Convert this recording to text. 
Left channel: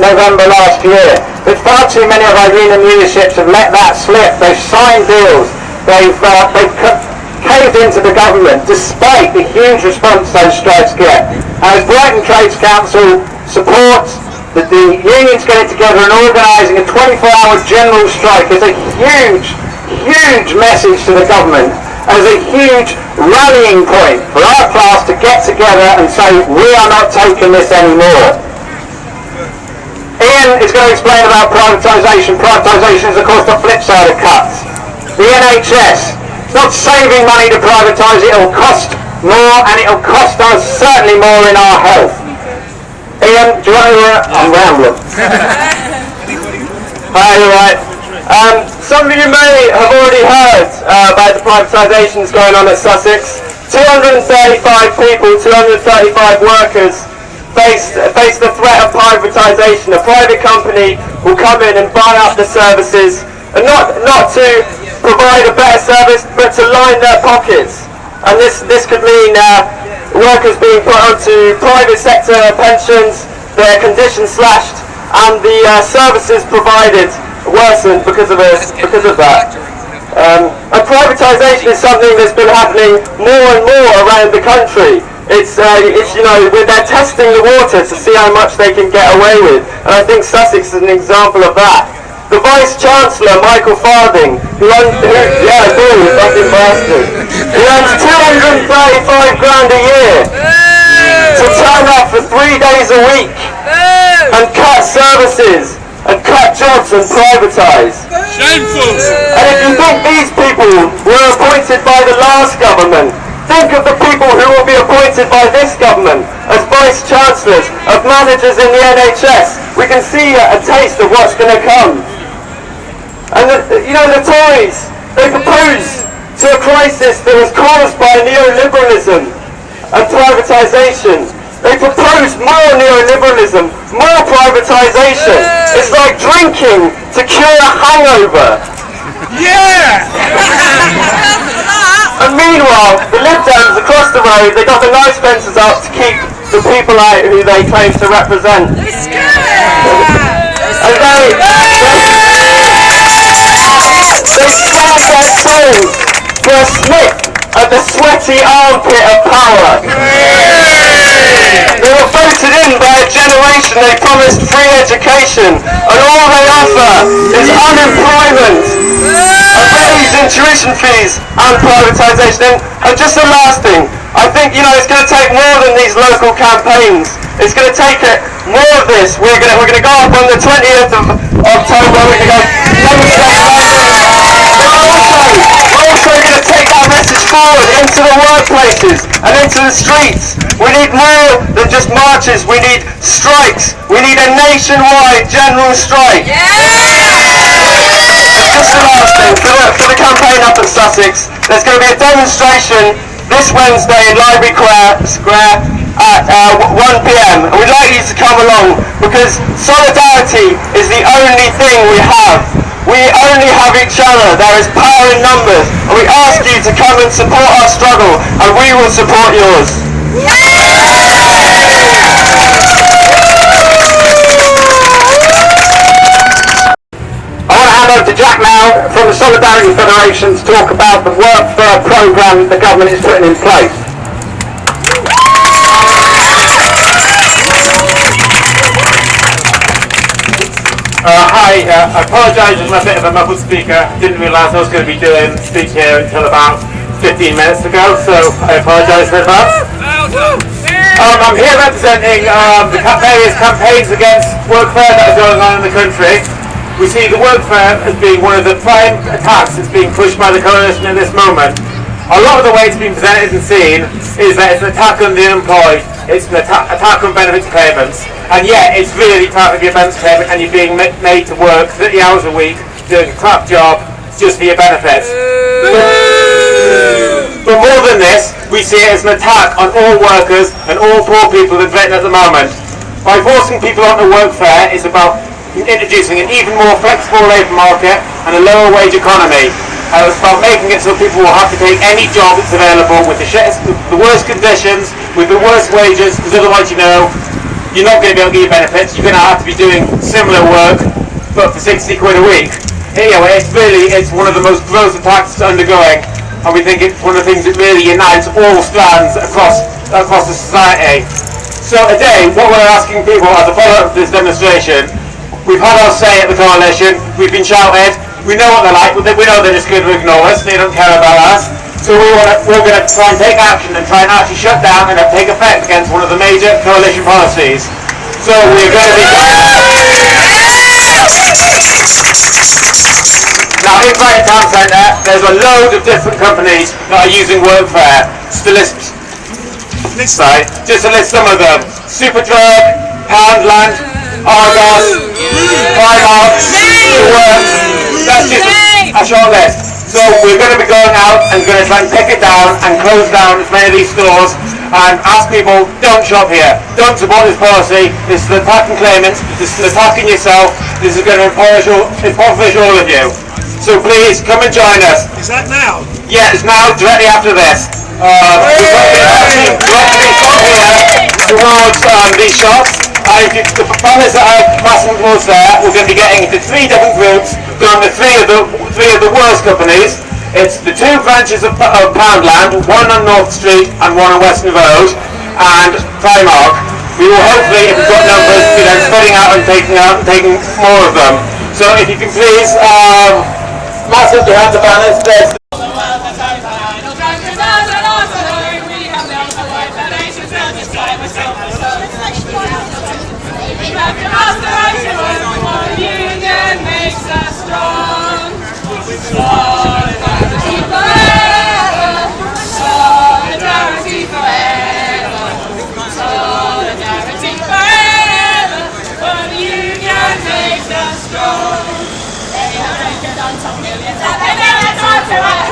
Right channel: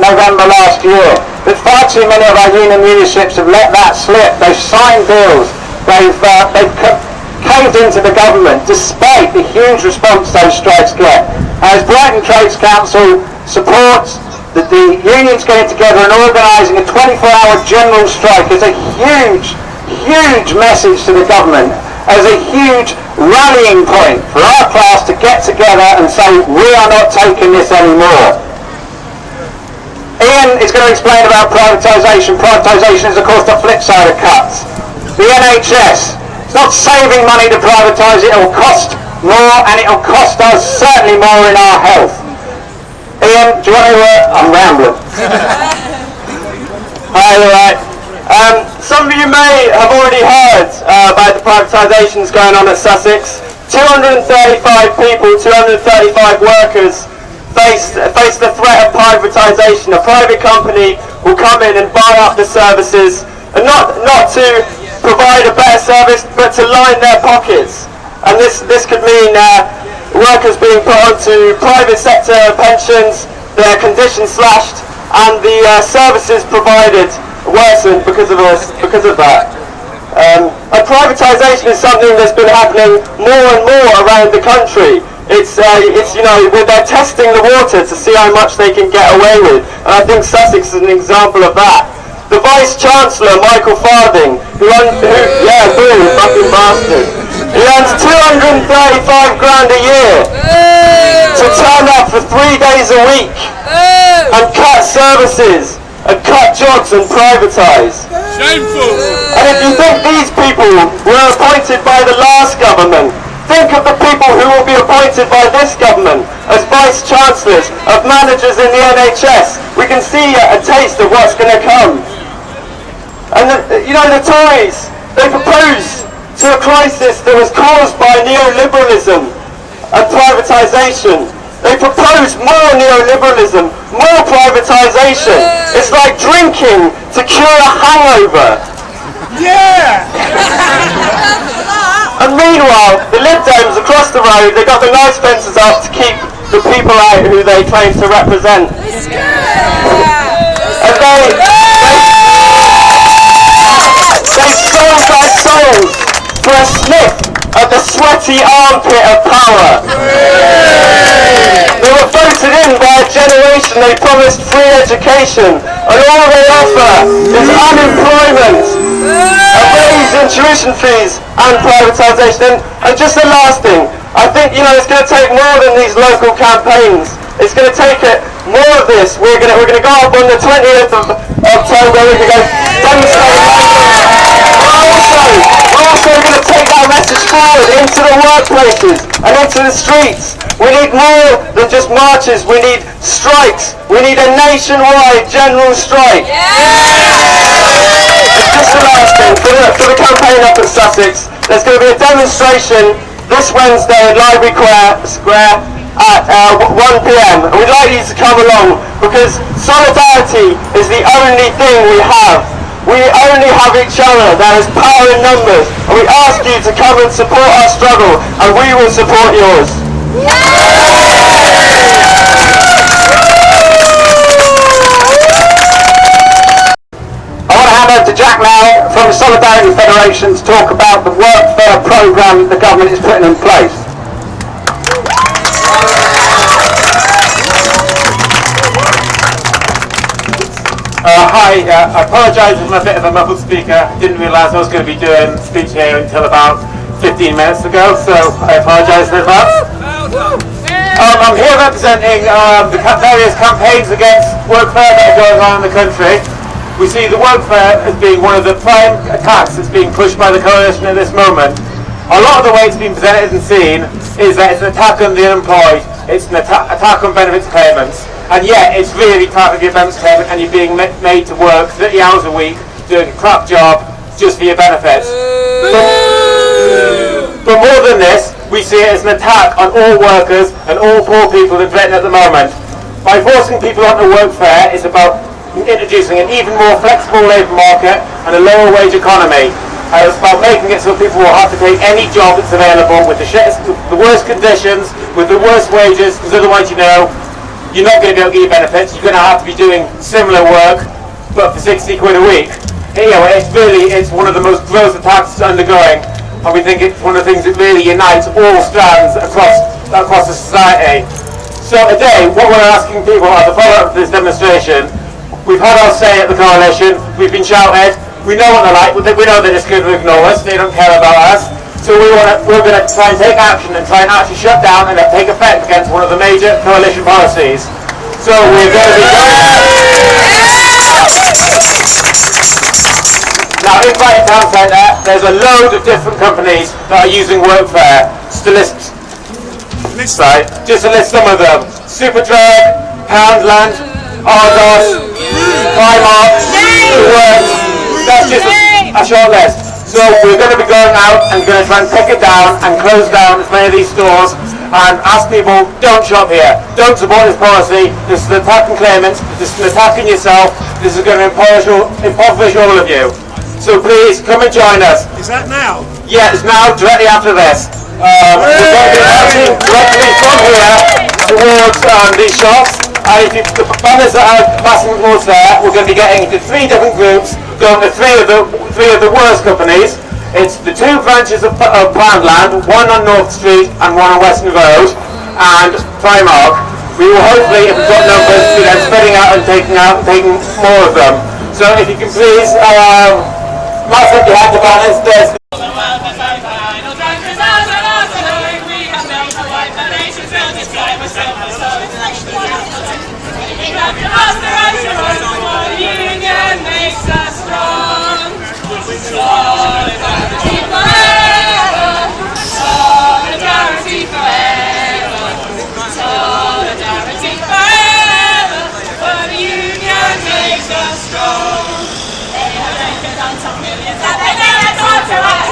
November last year. But far too many of our union leaderships have let that slip. They've signed deals. They've caved into the government despite the huge response those strikes get. As Brighton Trades Council supports the unions getting together and organising a 24-hour general strike is a huge, huge message to the government, as a huge rallying point for our class to get together and say we are not taking this anymore. Ian is going to explain about privatisation. Privatisation is of course the flip side of cuts. The NHS, it's not saving money to privatise, it will cost more, and it will cost us certainly more in our health. Ian, do you want to... I'm rambling. Hi, you're right. Some of you may have already heard about the privatisations going on at Sussex. 235 people, 235 workers face the threat of privatisation. A private company will come in and buy up the services, and not to provide a better service, but to line their pockets. And this could mean workers being put onto private sector pensions, their conditions slashed, and the services provided worsened because of that. And privatisation is something that's been happening more and more around the country. It's you know, they're testing the water to see how much they can get away with, and I think Sussex is an example of that. The Vice Chancellor, Michael Farthing, who earns 235 grand a year to turn up for 3 days a week and cut services and cut jobs and privatise. Shameful! And if you think these people were appointed by the last government, think of the people who will be appointed by this government as Vice Chancellors, of managers in the NHS. We can see a taste of what's going to come. And you know, the Tories, they propose to a crisis that was caused by neoliberalism and privatisation. They propose more neoliberalism, more privatisation. It's like drinking to cure a hangover. Yeah! And meanwhile, the lib-dems across the road, they've got the nice fences up to keep the people out who they claim to represent. And they sold their souls for a sniff at the sweaty armpit of power. They were voted in by a generation they promised free education, and all they offer is unemployment, a raise in tuition fees and privatisation. And just the last thing, I think, you know, it's going to take more than these local campaigns. It's going to take more of this. We're going to go up on the 20th of October. We're going to go demonstrate. We're also going to take that message forward into the workplaces and into the streets. We need more than just marches. We need strikes. We need a nationwide general strike. And just the last thing, for the campaign up at Sussex, there's going to be a demonstration this Wednesday in Library Square at 1 p.m. and we'd like you to come along, because solidarity is the only thing we have. We only have each other. There is power in numbers, and we ask you to come and support our struggle, and we will support yours. I want to hand over to Jack now from the Solidarity Federation to talk about the workfare programme the government is putting in place. Hi, I apologise, I'm a bit of a muffled speaker. Didn't realise I was going to be doing a speech here until about 15 minutes ago, so I apologise in advance. I'm here representing the various campaigns against workfare that are going on in the country. We see the workfare as being one of the prime attacks that's being pushed by the coalition at this moment. A lot of the way it's been presented and seen is that it's an attack on the unemployed, it's an attack on benefits payments, and yet it's really targeting your benefits payment and you're being made to work 30 hours a week, doing a crap job just for your benefits. But more than this, we see it as an attack on all workers and all poor people in Britain at the moment. By forcing people onto workfare is about introducing an even more flexible labour market and a lower wage economy. It's about making it so people will have to take any job that's available with the worst conditions, with the worst wages, because otherwise, you know, you're not going to be able to get your benefits. You're going to have to be doing similar work, but for 60 quid a week. It's one of the most gross attacks undergoing, and we think it's one of the things that really unites all strands across the society. So today, what we're asking people as a follow-up to this demonstration, we've had our say at the coalition, we've been shouted, we know what they're like, we know they're just going to ignore us, they don't care about us. So we're going to try and take action and try and actually shut down and take effect against one of the major coalition policies. So we're going to be now in Brighton Town Centre, there's a load of different companies that are using workfare. Just to list some of them: Superdrug, Poundland, Argos, Primark, The Works. That's just a short list. So we're going to be going out and going to try and pick it down and close down as many of these stores and ask people, don't shop here, don't support this policy, this is attacking claimants, this is attacking yourself, this is going to impoverish all of you. So please, come and join us. Is that now? Yeah, it's now, directly after this. We're going to be heading directly from here towards these shops. And if the banners that are passing towards there, we're going to be getting into 3 different groups, going to three of the worst companies. It's the 2 branches of Poundland, one on North Street and one on Western Road, and Primark. We will hopefully, if we've got numbers, be then spreading out and taking more of them. So if you can please, Martin, you have the banners. There's union makes us strong. Solidarity forever. Solidarity forever. Solidarity forever. For the union makes us strong. They have taken on some millions and they never talk to us.